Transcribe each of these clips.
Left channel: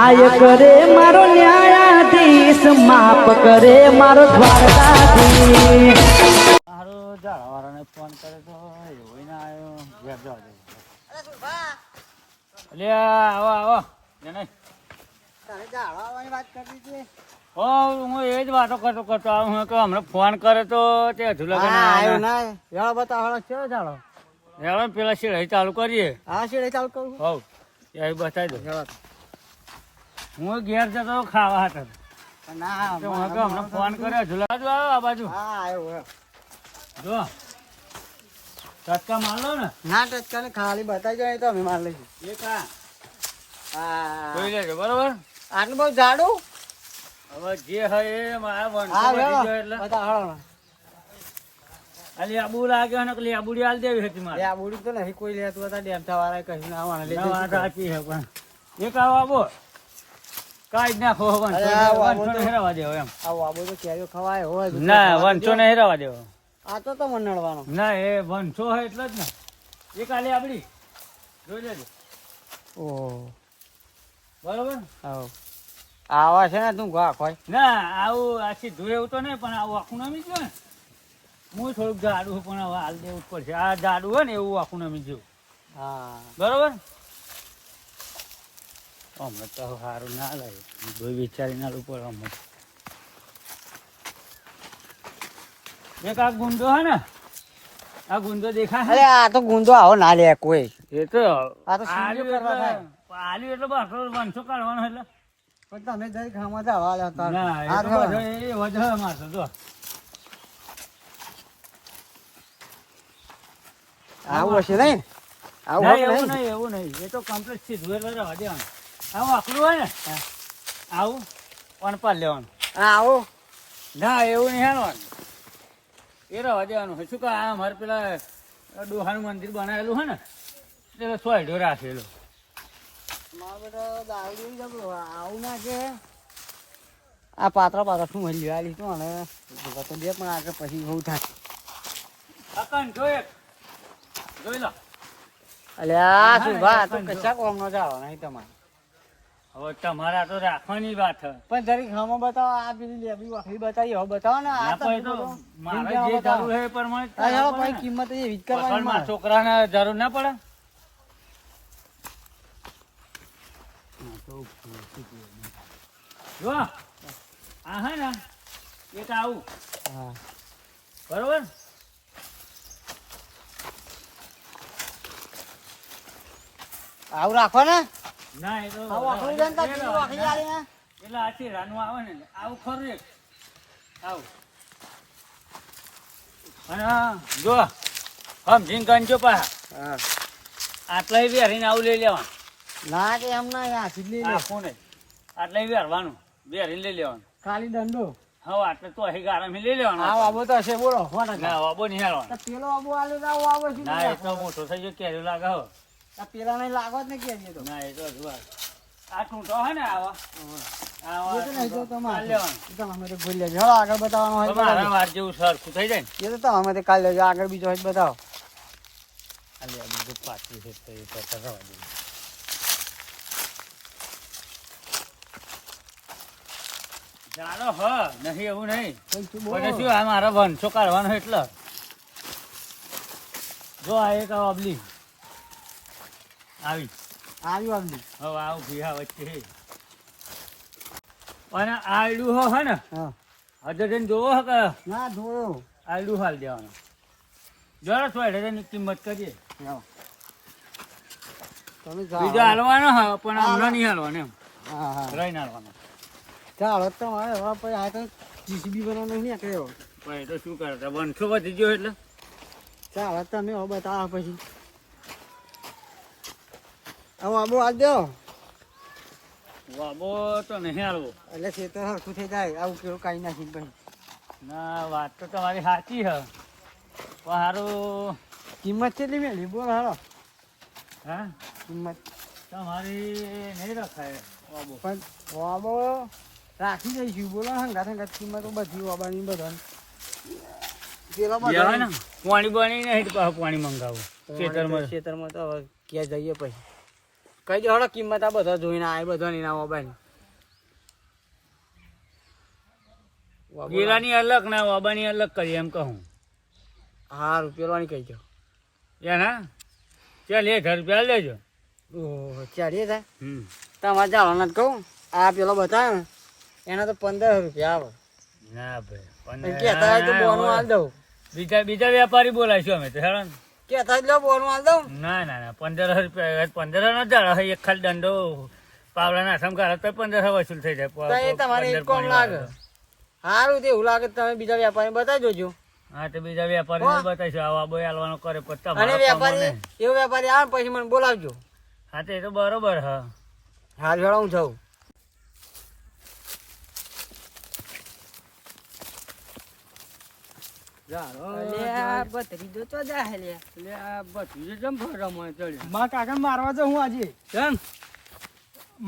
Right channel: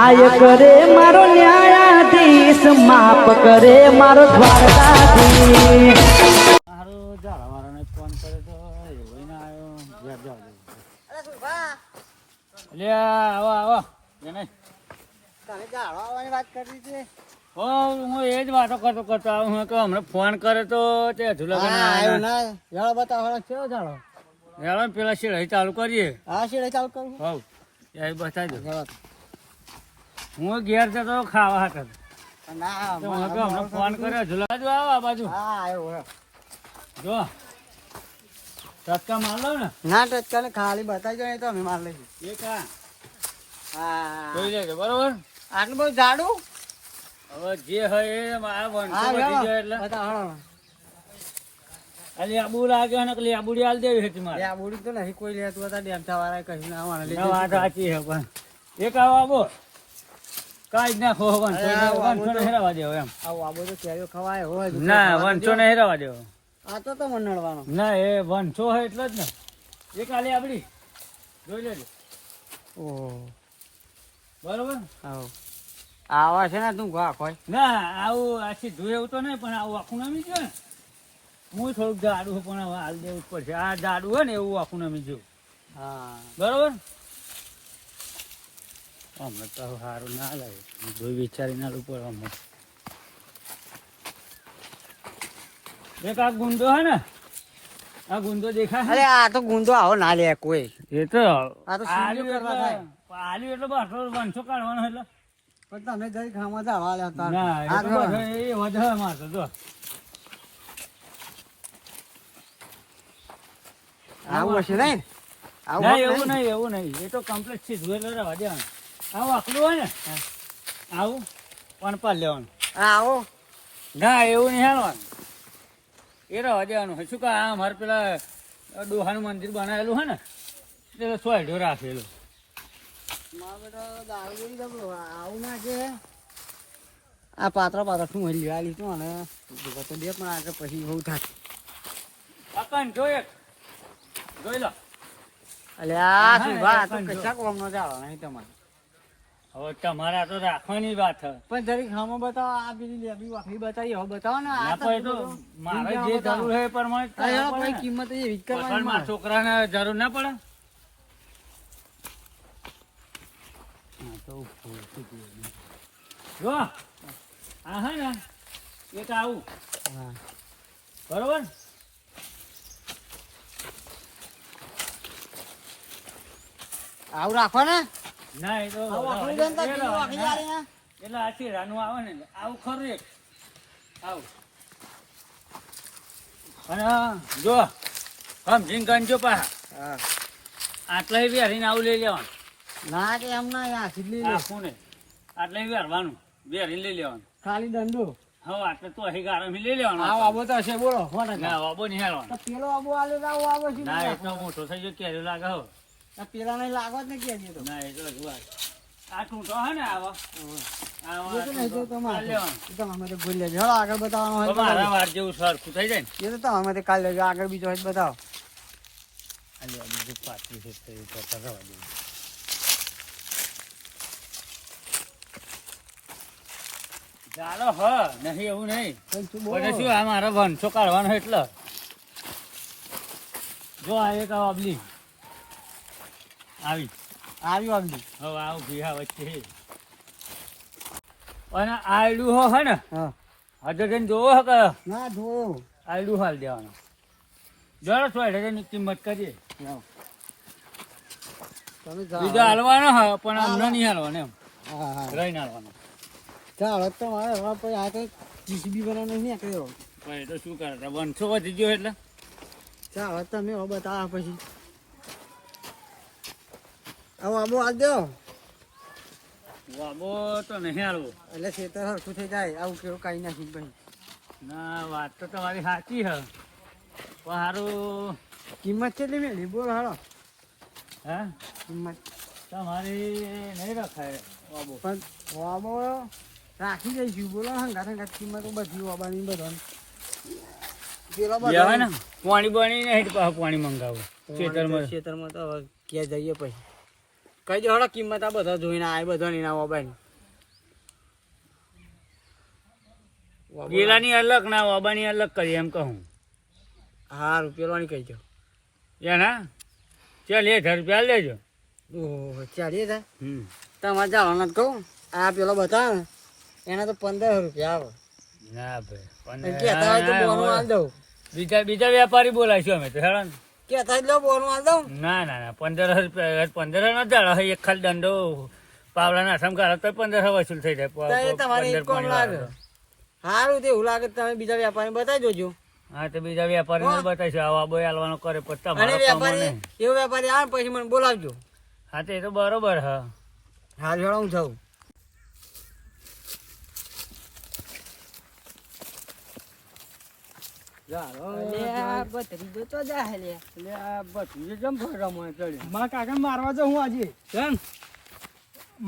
આય કરે મારો ન્યાયાધીશ માફ કરે મારો દ્વારકાધીશ. મારો ઝાડવાળાને ફોન કર્યો તો એવો ના આવ્યો. ઘેર જવા દે. એટલે આવો આવો જને. તારે ઝાડવાળાની વાત કરવી છે. હો હું એ જ વાતો કરતો આવું હું કે હમણાં ફોન કરે તો તે હજુ લગન આવ્યો ના ઝાડો બતાવો કેવો ઝાડો. હેડો પેલા શેઠ ચાલુ કરીએ. હા શેડે ચાલુ કરું. હોવ એ બતાવી દો. જવા હું ઘેર જતો ખાવા હતો ના તો હું તો હમણાં ફોન કર્યો હજુ બાજુ આવો આ બાજુ હા આવ્યો જો ટચકા માર લો ને. ના ટચકાને ખાલી બતાવી જાય તો અમે માર લઈશું. એ કા હા જોઈ લેજો બરોબર. આટલું બહુ ઝાડું. હવે જે હોય એ આ વંશો વધી ગયો એટલે બતાવો. ખાલી આબુ લાગ્યો ને પેલી આબુડી હાલ દેવી હતી મારે. આ બોડી તો નથી કોઈ લેતું હતા ડેમથા વાળા કહી ના વાળા ના વાત સાચી છે પણ એક આવો આબો કાંઈ જ નાખો વંશો ને હેરાવા દેવો એમ. આવો આ બધું કેરીઓ ખવાય હોય ના વંશો ને હેરાવા દેવો. આ તો મંડળવાનો. ના એ વંશો હોય એટલે જ ને. એ કાલે આપડી જોઈ લેજો ઓહ બરોબર. આવો આવા છે ને તું ઘા ખોય. ના આવું આખી ધોઈ એવું તો નહીં પણ આવું આખું નમી ગયું ને. હું થોડુંક જાડું પણ હવે હાલ દેવું જ પડશે. આ જાડું હોય ને એવું આખું નમી ગયું હા બરોબર. અમે તો સારું ના લાગે ધોઈ વિચારી ના લઉં પડે અમે. એક આ ગુંદો હે ને આ ગુંદો દેખાય અરે આ તો ગુંદો આવો ના લે કોઈ. એ તો આ તો સીધું કરવા થાય. આલ્યું એટલે બસ વંશો કાઢવાનો એટલે પણ તમે જરી ખાવા ઝાડવા લેતા ના એ તો બસ એ વધે મારતો જો આવું હશે નહીં. ના એવું નહીં એવું નહીં. એ તો કમ્પ્લીટ છે ધોઈ લેવા દેવાનું. આવું આખલું હોય ને આવું પણ પાર લેવાનું. આવો ના એવું નહીં હાલવાનું. એ રહેવા દેવાનું હોય શું કે આ મારે પેલા ડોહાનું મંદિર બનાવેલું હોય ને એટલે સોયઢો રાખેલો. આવું ના કે આ પાત્રા પાત્રા શું મળી ગયા લીધું અને તો બે પણ આગળ પછી બહુ થાય. અકન જોઈ જોઈ લો. એટલે આ શું ભાઈ તો પૈસા કોમનો જાવ નહીં તમારે. હવે તમારા તો રાખવાની વાત છે. પણ જરી ખામાં બતાવો આ પેલી લેબી વાખરી બતાવી હવે બતાવો ને. ના પણ એ તો મારે જે જરૂર છે એ પ્રમાણે જ કરવા પડે ને. કિંમત એવી જ પસંદમાં કરવાની. છોકરાને જરૂર ના પડે. હા, તો જો આ હે ને એક આવું હા બરોબર. આવું રાખો ને. ના એ તો આવું વાખરી દે ને તાર પેલી વાખરી આલી ને. એટલે આથી રાનું આવે ને આવું ખરું એક આવું. અને જો સમજીને ગણજો પાછા હા. આટલા વેરીને આવું લઈ લેવાનું. ના કે એમ ના આ સીધલી લે. આખું ને આટલા વેરવાનું વેરીને લઈ લેવાનું. ખાલી દંડો. હવે આટલે તો અહીં ગારામાં લઈ લેવાનું. આ બાબો તો હશે બોલો ના વાબો નહીં હાલવાનો. તો પેલો આબો આલે તો આવો આવો શું ના એટલો મોટો થઈ ગયો કેરી લાગે હવે. પેલા ને લાગો જ ને કે તો ના એ તો જુઓ આ ટૂંટો હે ને આવા એ તો નહીં તો આ તમારે લેવાનું. એ તો અમે તો ભૂલી લેજો. ચાલો આગળ બતાવવાનું હોય તો મારા વાર જેવું સરખું થઈ જાય ને એ તો અમે તો કાલ લેજો આગળ બીજો હોય તો બતાવો. આ બીજું પાછી છે તો એ તો કરવા દે. ચાલો હ નહીં એવું નહીં પણ શું પછી બોલો? શું આ મારા વંશો કાઢવાનો એટલે જો આ એક અબલી આવી આવ્યું આમની. હવે આવું ભીહા વચ્ચે હે. અને આયડું હો હે ને હા હજુ જઈને જોવો હે કે ના જોયો. આયડું હાલ દેવાનું. જરા સોયઢાની કિંમત કરીએ. તમે જાઓ. બીજો હાલવાનો હ પણ હમણાં નહીં હાલવાનો એમ હા હા રહીને હાલવાનો. ચાલો તમારે હવે પછી આ તો જીસીબી બનાવવાનો નહીં કર્યો. પણ એ તો શું કરે વંશો વધી ગયો એટલે ચાલો તમે હવે બતાવો પછી. હવે આબો આ દો વાબો તો નહીં હાલવો. એટલે ખેતર હરખું થઈ જાય. આવું પેલું કાંઈ નાખી પછી ના વાત તો તમારી સાચી હે પણ સારું કિંમત કેટલી મેળવી બોલો હાલો. હે કિંમત તમારી નહીં રખાય વાબો. પણ વાબો રાખી દઈશું બોલો હંગાત હંગાત કિંમતો બધી વાબાની બધાની. પેલો લેવાય ને પાણી બની નહીં પાછું પાણી મંગાવું ખેતરમાં. ખેતરમાં તો હવે ક્યાં જઈએ પછી કઈ દે હળો કિંમત આ બધા જોઈને આ બધા ની ના મોબાઈલ પેલાની અલગ ના વાબાની અલગ કરી એમ કહું. હા રૂપિયાની કહી દો. એના ચાલ 1000 રૂપિયા લેજો. ઓહો ચાલીએ થાય. તમારે જવાનું જ કહું આ પેલો બતાવે ને એના તો 15 રૂપિયા આવે. ના ભાઈ એમ કહેતા હોય તો બોનું આલ દઉં. બીજા વેપારી બોલાવીશું અમે તો હેરાન. કહેતા જ લો બોનું આલ દઉં. ના 15 રૂપિયા 15 ના જાળે એક ખાલી દંડો પાવડાના આસામ કાઢો તો 15 વસૂલ થઈ તો જાય. એ તમારે એક કોમ લાગે. સારું તો એવું લાગે તો તમે બીજા વેપારી બતાવી જોજો. હા તો બીજા વેપારીને બતાવીશું આવા બોય આલવાનો કરે પછી અને તમારો કામ વેપારી નહીં. એવો વેપારી આવે પછી મને બોલાવજો. હા તો એ તો બરોબર હા. હાલ જોડો હું જાઉં. મારા કાકા મારવા જાઉં હું આજે. કેમ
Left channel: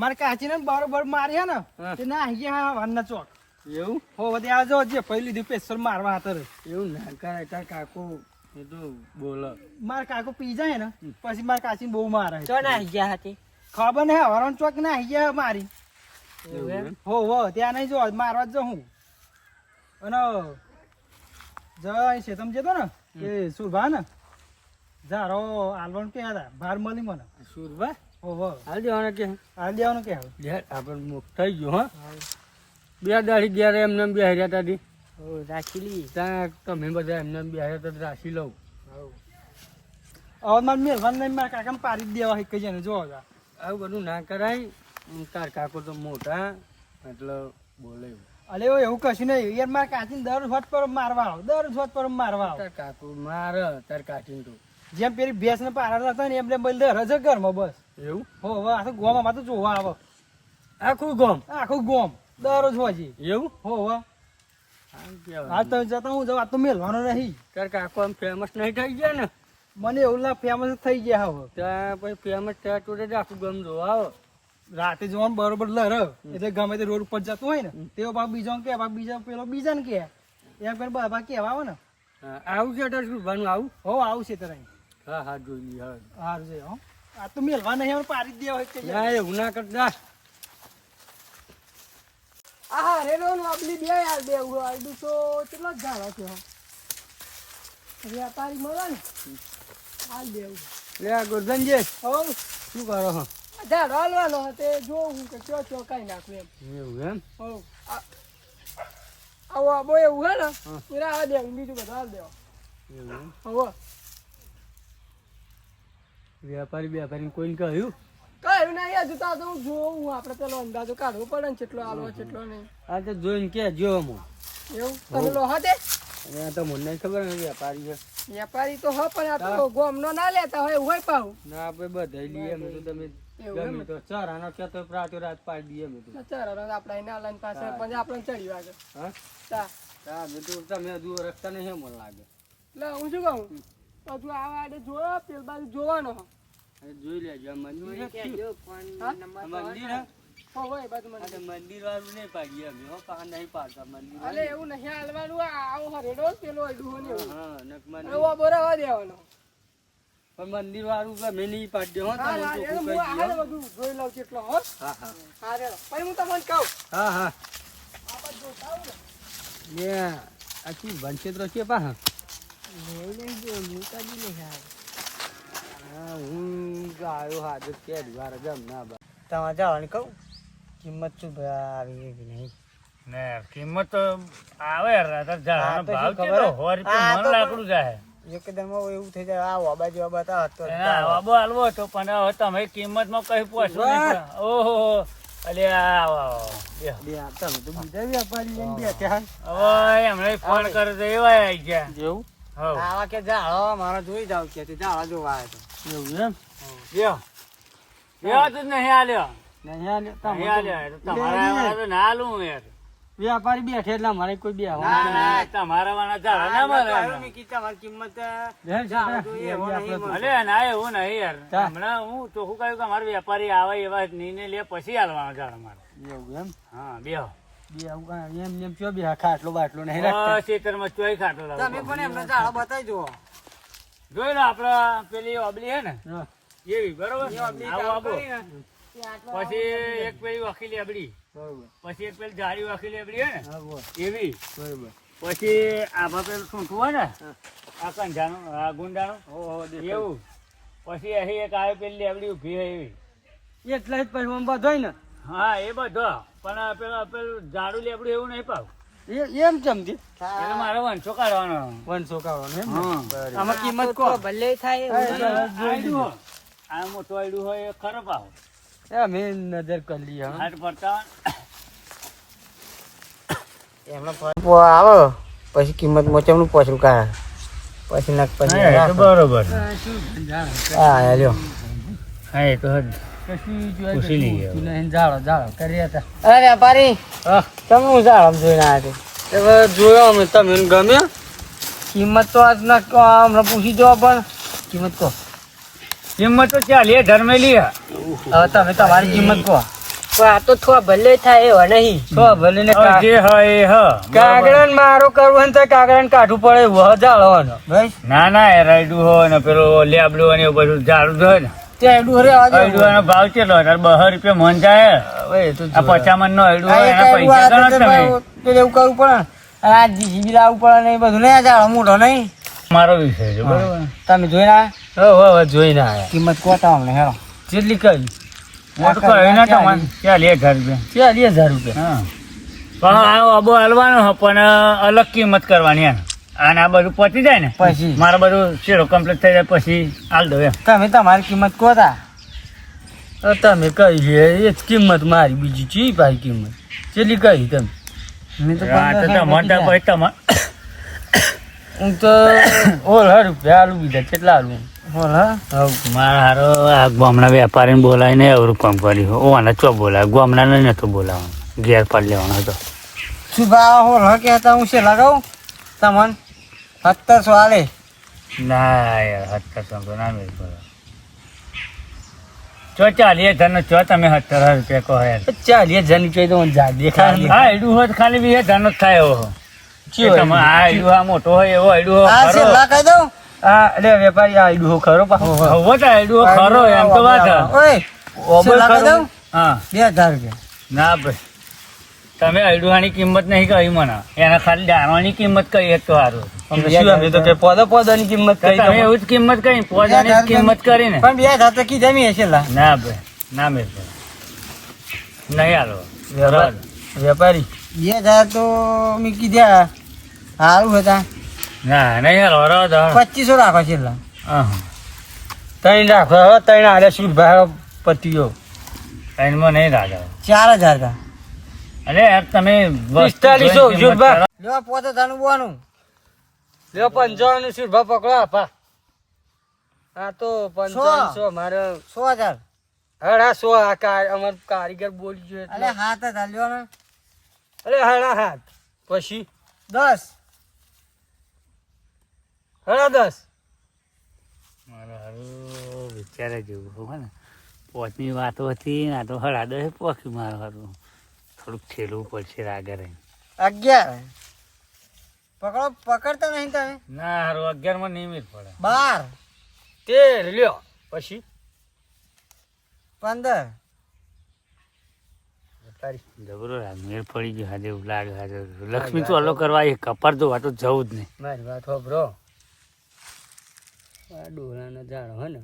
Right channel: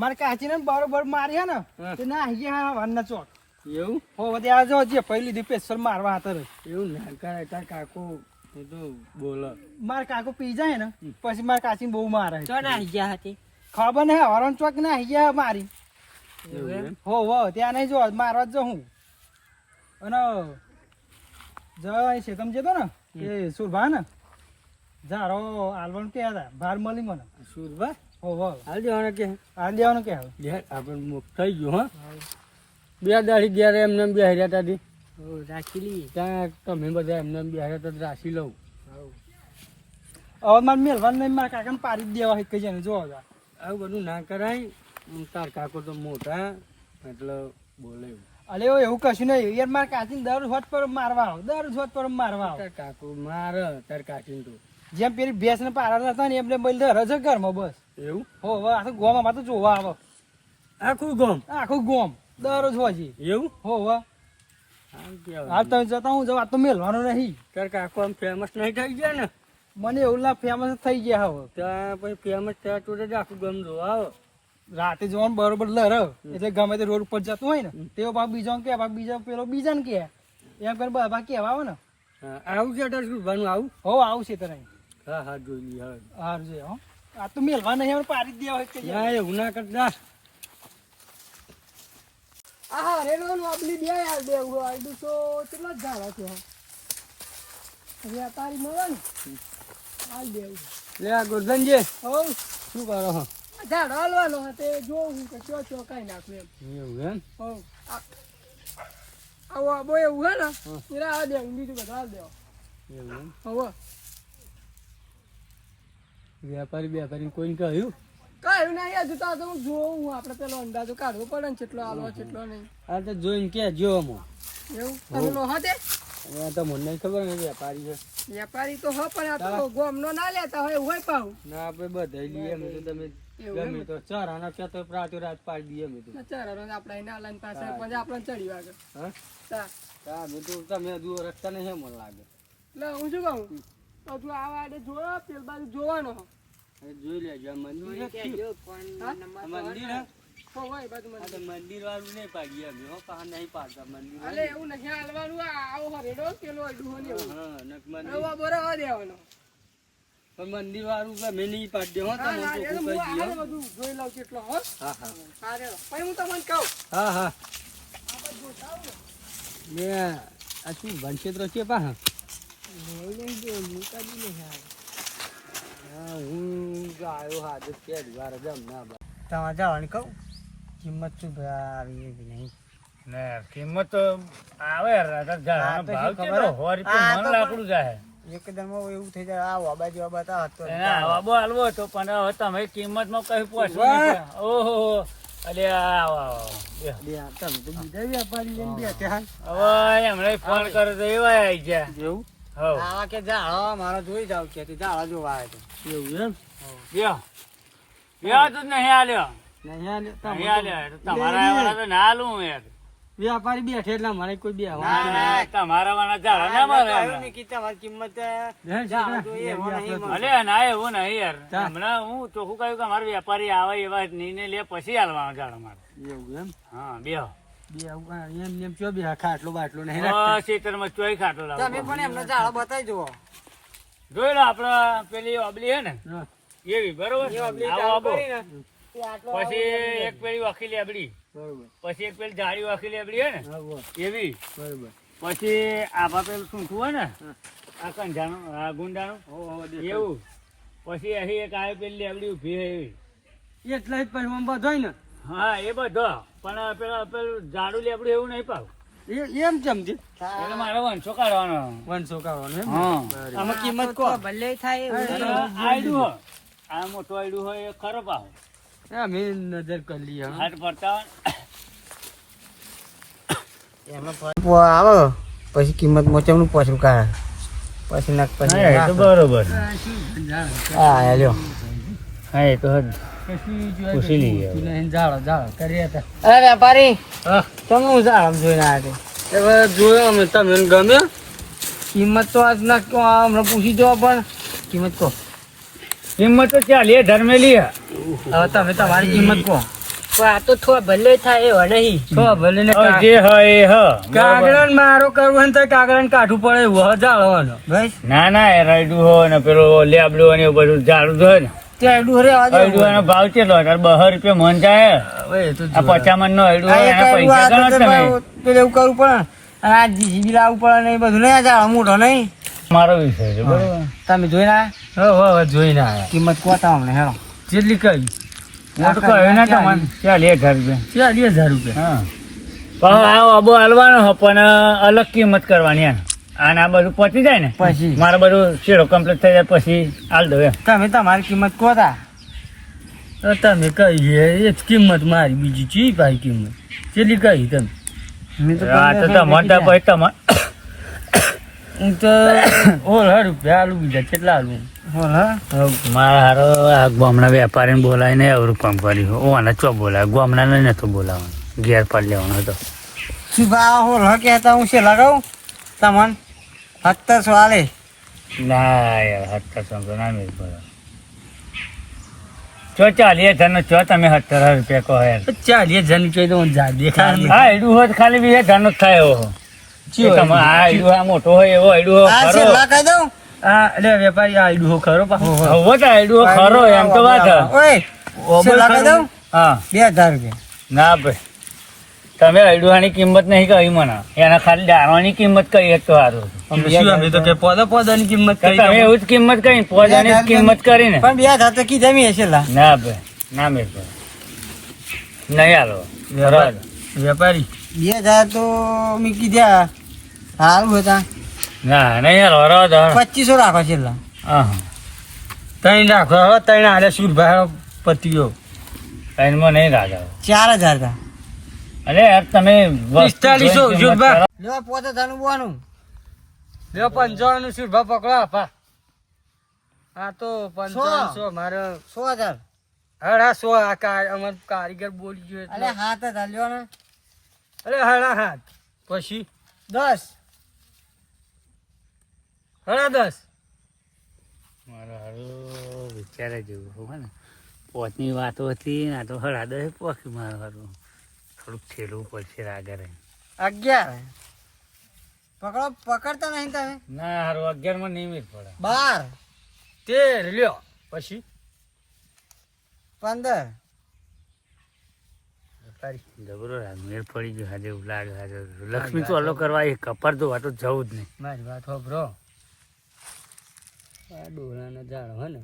મારા કાચી ને બરોબર મારી ને તે ના આવી ગયા વારના ચોક. એવું હો ત્યાં જો જે પહેલી દી પેસર મારવા હતા. એવું ના કરાય તાર કાકુ એ તો બોલો. મારા કાકો પી જાય ને પછી મારા કાચી બહુ મારે. તો ના આવી ગયા હતી. ખબર નહીં હવારણ ચોક ના આવી ગયા મારી. હો ત્યાં નહીં જો મારવા જ હું. અને જય છે તમે જતો ને એ સુરભા ને ઝારો આલવાનું કે હતા ભાર મળી મને. સુરભા હો હાલ દેવાના કે હાલ દેવાનું કે આપણે મુખ થઈ ગયું હા. 2 દાડી ગયા એમને બે હર્યા તાડી રાખી ત્યાં તમે બધા એમને બે હર્યા તો રાખી લઉં. હવે મારે મેળવાનું નહીં મારા કાકાને પાડી જ દેવા કઈ જાય જો આવું બધું ના કરાય. તાર કાકો તો મોટા એટલે બોલે એવું. અરે એવું કશું નહીં યાર મારા કાચીને દર હોત પર મારવા આવો દર હોત પર મારવા આવો. તાર કાકુ મારે તાર કાકીને તો જેમ પેલી ભેંસ ને પાડા હતા ને એમને બલ દર જ ઘરમાં બસ. એવું હો હવે આ તો ગોમાં તો જોવા આવો આખું ગામ આખું ગોમ દરરોજ હોજી. એવું હો હવે આમ કેવાય. હાલ તો જતા હું જવા તો મેળવાનું નહીં. તાર કાકો આમ ફેમસ નહીં થઈ ગયા ને મને એવું લાગે ફેમસ થઈ ગયા હવે. ત્યાં પછી ફેમસ થયા તો જ આખું ગામ જોવા આવે. રાતે જોવાનું બરોબર લર એટલે ગમે તે રોડ ઉપર જતું હોય ને તેઓ ભાગ બીજા કે ભાગ બીજા પેલો બીજાને કે એમ કરીને બધા કેવા આવે ને. આવું છે તાર સુરભાનું આવું. હો આવું છે તને. હા જોઈ લઈએ હવે. સારું છે હો આ તો મેળવા નહીં હવે પાડી જ દેવા હોય કે ના એવું ના કરતા. હા રેલો આપલી બે યાર બે આઈડું તો કેટલા જ ઝાડા છે વેપારી મળે ને હાલ દેવું લે આ ગોરધનજી હો શું કરો હો? ઝાડો હાલવાનો તે જોવું કે ચો કાઈ નાખું એમ. એવું એમ. હો આવો આબો એવું હે ને પૂરા આ દેવું બીજું બધા હાલ દેવા. એવું એમ. હો વેપારી કોઈને કહ્યું કઈ નહીં હજુ તો હું જોઉં આપણે પેલો અંદાજો કાઢવો પડે ને કેટલો હાલવો કેટલો નહીં. આ તો જોઈને કે જો અમો એવું તમે લો હતે આ તો મને નહીં ખબર ને વેપારી છે. વેપારી તો હો પણ આ તો ગોમનો ના લેતા હોય એવું હોય પાહુ. ના આપણે બધા લઈએ અમે તો તમે ગમે તો ચારાના કે તો રાત પાડી દઈએ અમે તો. ચાર આપડા એના લાઈન પાસે પછી આપણે ચડી વાગે. હા તા અમે તો તમે દૂર રસ્તા નહીં મને લાગે. એટલે હું શું કહું તો તું આવા આડે જોયો પેલ બાજુ જોવાનો જોઈ લેજો આ મંદિર મંદિર હો હોય બાજુ મને મંદિર વાળું નહીં પાડીએ અમે હો પા નહીં પાડતા મંદિર અલે એવું નહીં હાલવાનું આવો હરેડો પેલો અડું હોય હા નક મંદિર એવો બરાબર દેવાનો પણ મંદિર વાળું ગમે નહીં પાડી દે હો તમને ચોખ્ખું કહી દઈએ. બધું જોઈ લઉં કેટલો હો. હા હા રે પણ હું તમને કહું હા આ બાજુ જોતા આવું એ આ શું વનક્ષેત્ર છે પા હા હું આવ્યો હાથ કે વાર જમ ના બા તમારે જવાનું કહું કિંમત શું આવી કે નહીં. ને કિંમત તો આવે ઝાડાનો ભાવ કેટલો 100 રૂપિયા મણ લાકડું જાય. એકદમ એવું થઈ જાય આ વાબા જેવા બતાવો તો આવો હાલવો તો પણ હવે તમે કિંમતમાં કઈ પહોંચવું નહીં. ઓહો અરે આવો તમે તો બીજા વેપારી લઈને બેઠા. હવે એમણે ફોન કર્યો તો એવા આવી ગયા. જેવું હવ આવા કે ઝાડો મારા જોઈ જાવ કે ઝાડા જોવા આવે તો એવું એમ. લ્યો લ્યો તું નહીં આલ્યો નહીં આ નહીં આલ્યો તમારા વાળા તો ના આલું યાર. વેપારી બેઠે એટલે મારે કોઈ બે ના ના તમારા વાળા ઝાડા ના મારવાના. તમારી કિંમત ઝાડો જોઈએ એવો નહીં મળે. અલે ના એવું નહીં યાર. હમણાં હું ચોખ્ખું કહ્યું કે અમારે વેપારી આવે એવા નિર્ણય લે પછી હાલવાનો ઝાડો મારે. એવું એમ હા બેહો બે એમ ચો બે ખાટલો બાટલો નહીં ખેતરમાં ચોઈ ખાટો લાવો. તમે પણ એમને ઝાડો બતાવી જુઓ. જોઈ લો આપડે પેલી ઓબલી હે ને એવી બરોબર એ આપણી આવો, ચાલુ આવો. કરી ને, તે આટલો પછી આવો એક પેલી વાખી લેબડી બરોબર પછી એક પેલી જાડી વાખી લેબડી હે ને હા બોલ એવી બરોબર પછી આભા પેલું સૂંઠું હોય ને આ કંજાનું આ ગુંડાનું એવું પછી અહીં એક આવે પેલી લેબડી ઊભી હોય એવી એટલે જ પછી આમ બધોય ને હા એ બધો પણ પેલું જાડું લેબડું એવું નહીં પાવ એમ સમજે એટલે મારો વંશો કાઢવાનો 100 કાઢવાનો એમ હા આમાં કિંમત કો ભલે થાય આયડું હોય આ મોટું આયડું હોય એ ખરો પાવ અમે નજર કરી લઈએ હાથ પડતા આવો પછી કિંમત મોચમનું પોછું કાઢે પછી નાખ પછી બરોબર હા લ્યો હા એ તો પૂછી લઈએ અરે વેપારી તમે હું જાળમ જોઈને આવ્યા જોયો અમે તમે ગમ્યો કિંમત તો આજ ના કહો હમણાં પૂછી દો પણ કિંમત કહો કિંમત તો ચાલીએ ધર્મેલી હવે તમે તમારી કિંમત કહો આ તો થો ભલે થાય એવા નહીં થો ભલે ને જે હોય એ હ કાગડા મારો કરવું હોય ને તો કાગડા કાઢવું પડે એવું જાળવાનો ભાઈ ના ના એ રાયડું હોય ને પેલું લેબડું હોય ને એવું બધું ઝાડું હોય ને ત્યાં ડુરે અયડું ભાવ કેટલો તાર 200 રૂપિયા મન જાય આ 50 મન નો અયડું હોય એના પૈસા ગણો તમે એવું કરવું પડે અને આ જીસીબી લાવવું પડે ને એ બધું નહીં આ જાળો મોટો નહીં મારો વિષય છે બરોબર તમે જોઈને આવ્યા જોઈને આવ્યા કિંમત કોતા અમને હેરો જેટલી કરી મોટું કહ્યું ના તમને 40000 રૂપિયા 40000 રૂપિયા હા પણ આ અબો હાલવાનો હ પણ અલગ કિંમત કરવાની એમ અને આ બધું પતી જાય ને પછી મારે બધું શેરો કમ્પ્લીટ થઈ જાય પછી હાલ દો એમ તમે તમારી કિંમત કોતા તમે કહી એ જ કિંમત મારી બીજી ચી ભાઈ કિંમત કેટલી કહી તમે આ તો તમારે પછી તમારે હું તો ઓલ રૂપિયા આલુ બીજા કેટલા આલુ મારા હારો આ ગામના વેપારીને બોલાવીને અવરું કામ કર્યું ઓને ચો બોલાય ગામડાને નતો બોલાવવાનો ઘેર પાડી લેવાનો હતો શું ભાવ હોલ કહેતા હું છે લગાવું તમને 1700 આલે ના યાર 1700 તો ના મેળ પડે ચો 40000 નો ચો તમે 17,000 રૂપિયા કહો યાર 40000 ની જોઈએ તો જાગે હા એડું હોય તો ખાલી 20,000 નો જ થાય એવો તમે આ એડું આ મોટો હોય એવો એડું ખરો કહી દઉં આ લે વેપારી આ આઈડું ખરો પાછો હવે તો એડું ખરો એમ તો વાત ઓય કહી દઉં હા 2000 રૂપિયા ના ભાઈ તમે અડુહાની કિંમત નહીં કહી મને એના ખાલી દાણાની કિંમત કહી તો સારું અમે તો કે પોદાની કિંમત કહી તમે એવું જ કિંમત કહી પોદાની જ કિંમત કરીને પણ 2000 તો કીધા મી હશે લા ના ભાઈ ના મેળ પડે નહીં હાલો વેપારી 2000 તો મી કીધા સારું હતા ના નહીં હાલો હરો 2500 રાખો છે લા હા ત્રણ રાખો હવે ત્રણ આલે સુરભાઈ પતિયો ત્રણમાં નહીં રાજા 4000 કા અરે યાર તમે 4500 સુરભા લેવા પોતે ધનું બોનું લે 55 સુરભા પકડો આપા આ તો 5500 મારે 100000 હડા 100 આ અમાર કારીગર બોલી ગયો અલે હાથ જ હાલ્યો ને અલે હડા હાથ પછી 10 હડા 10 મારો હારું વિચારે જેવું હોય ને પોતની વાતો હતી આ તો હળા દે પોકી મારો હારું થોડુંક છેલવું પડશે આગળ 11 પકડો પકડતા નહીં તમે ના હારું 11 માં નિયમિત પડે 12 13 લ્યો પછી 15 જબરો મેળ પડી ગયો આજે એવું લાગે આજે લક્ષ્મી તો અલો કરવા એ કપાર તો વાતો જવું જ નહીં મારી વાત હોબરો આ ડોલાના ઝાડ હે ને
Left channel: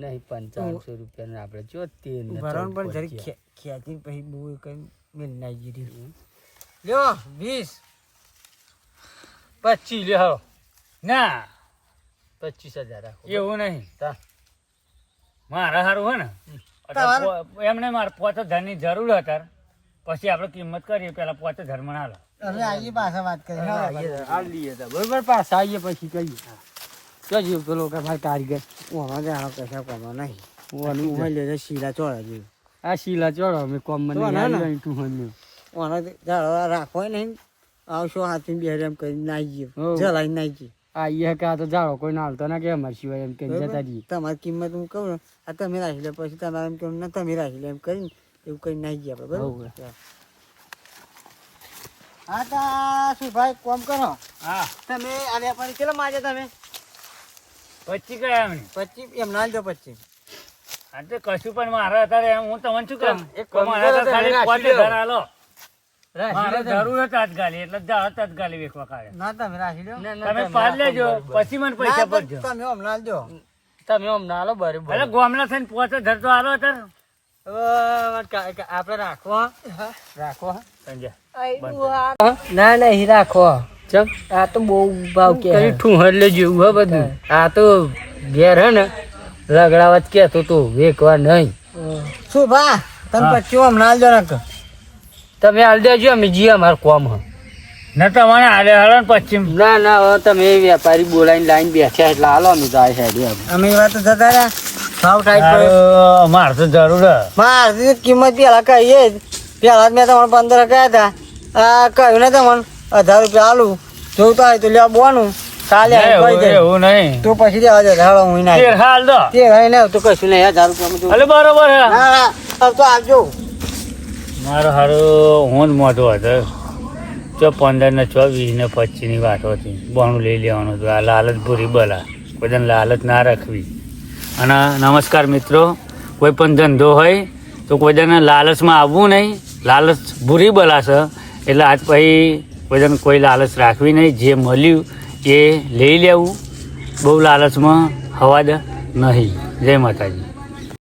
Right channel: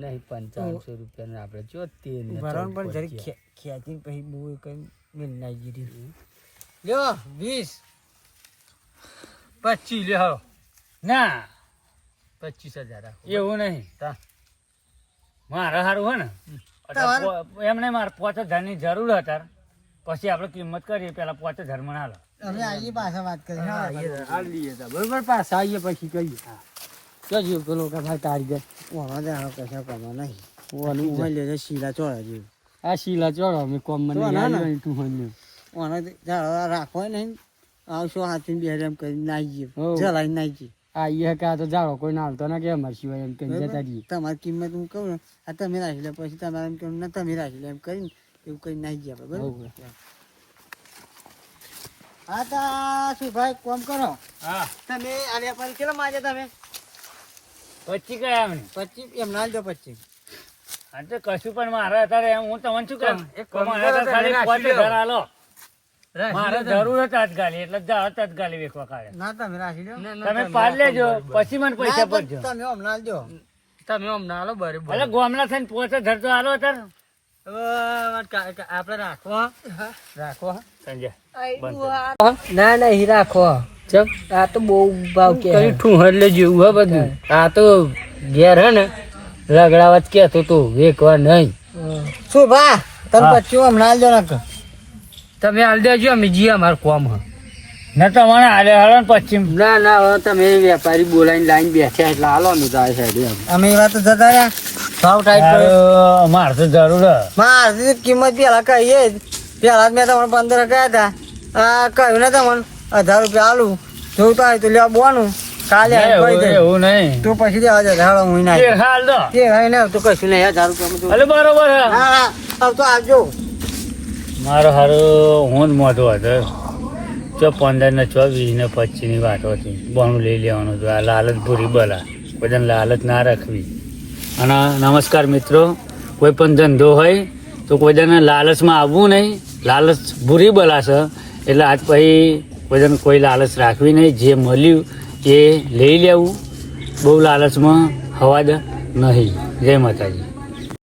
નહીં 5500 રૂપિયા આપણે જો તેલ ભરણ પણ જરી ખેંચી પછી બહુ કઈ મેલ નાઈ ગઈ લ્યો 20 25 લે હાલો ના 25000 એવું નહીં મારા સારું હોય ને એમને મારે 5000 ની જરૂર હતા પછી આપણે કિંમત કરીએ પેલા 5000 માં હાલો હવે આઈએ પાછા વાત કરી હાલ લઈએ તો બરોબર પાછા આઈએ પછી કહીએ કજો પેલો કે ભાઈ કારીગર ઓનો જાણો કશા કમા નહીં ઓનું ઉમર લે શીલા ચોળા જેવું આ શીલા ચોળા અમે કોમ મને નહીં તું હને ઓનો જાળો રાખો નહીં આવશો હાથી બે એમ કરી નાઈ જલાઈ નાઈ આઈએ કે આ તો જાળો કોઈ ના હાલતો ના કે અમાર સિવાય એમ કે જતા રહીએ તમારી કિંમત હું કહું ને આ તમે રાખી લે પછી તમારે એમ કેવું ના તમે રાખી લે એમ કરીને એવું કઈ નાઈ ગયા બરાબર હા તા શું ભાઈ કોમ કરો હા તમે આ વેપારી ચલો માજે તમે 25 કયા એમને 25 એમ ના લ્યો 25 હા તો કશું પણ મારે અત્યારે એમ હું તમને શું કહું એક કામ મારે તો કરો, ખાલી તમે 5000 હાલો રાખી મારે લો તમે. જરૂર જ તાત્કાલિક એટલે જાઓ તાત્કાલિક વેચવા કાઢે ના તમે રાખી લો તમે પાડ લેજો પછી મને પૈસા પડજો તમે હમણાં આલજો તમે હમણાં આલો બરોબર એટલે ગોમલા થઈને 5000 તો હાલો અત્યારે આપણે રાખો રાખો સંજય ના ના ઈ રાખો ચમ આ તો બહુ ભાવ કે ઠું એટલે જેવું હે બધું આ તો ઘેર હે ને રગડાવત કેતો તો વેકવા નહીં શું ભા તને પછી હમણાં આલજો ને તમે આલ દેજો અમે જી અમાર કોમ હ ના તમારે હાલે હાલો ને પશ્ચિમ ના ના હવે તમે વેપારી બોલાવીને લાઈન બેઠ્યા એટલે હાલો અમે તો આ સાઈડ અમે એવા તો જતા રહ્યા ભાવ ટાઈટ હારું, મારે તો જરૂર હે. મારી કિંમત પેલા કહીએ પેલા મેં તમને 15 કહ્યા હતા આ કહ્યું ને તમને 1000 રૂપિયા આલું જોવું તો હોય તો લેવા બોનું કાલે એવું નહીં તો પછી દેવા દે હાલો હું ના તેર હાલ દો તે હોય ને તો કશું નહીં 1000 રૂપિયા એટલે બરોબર હે તો આવજો મારો હારું હું જ મોટો હતો ચો 15 ને 24 ને 25 ની વાત હતી બોનું લઈ લેવાનું હતું આ લાલચ ભૂરી બલા બધાને લાલચ ના રાખવી અને નમસ્કાર મિત્રો કોઈ પણ ધંધો હોય તો કોઈને લાલચમાં આવવું નહીં લાલચ ભૂરી બલા છે એટલે આજ પછી કોઈને કોઈ લાલચ રાખવી નહીં જે મળ્યું એ લઈ લેવું બહુ લાલચમાં હવા જ નહીં જય માતાજી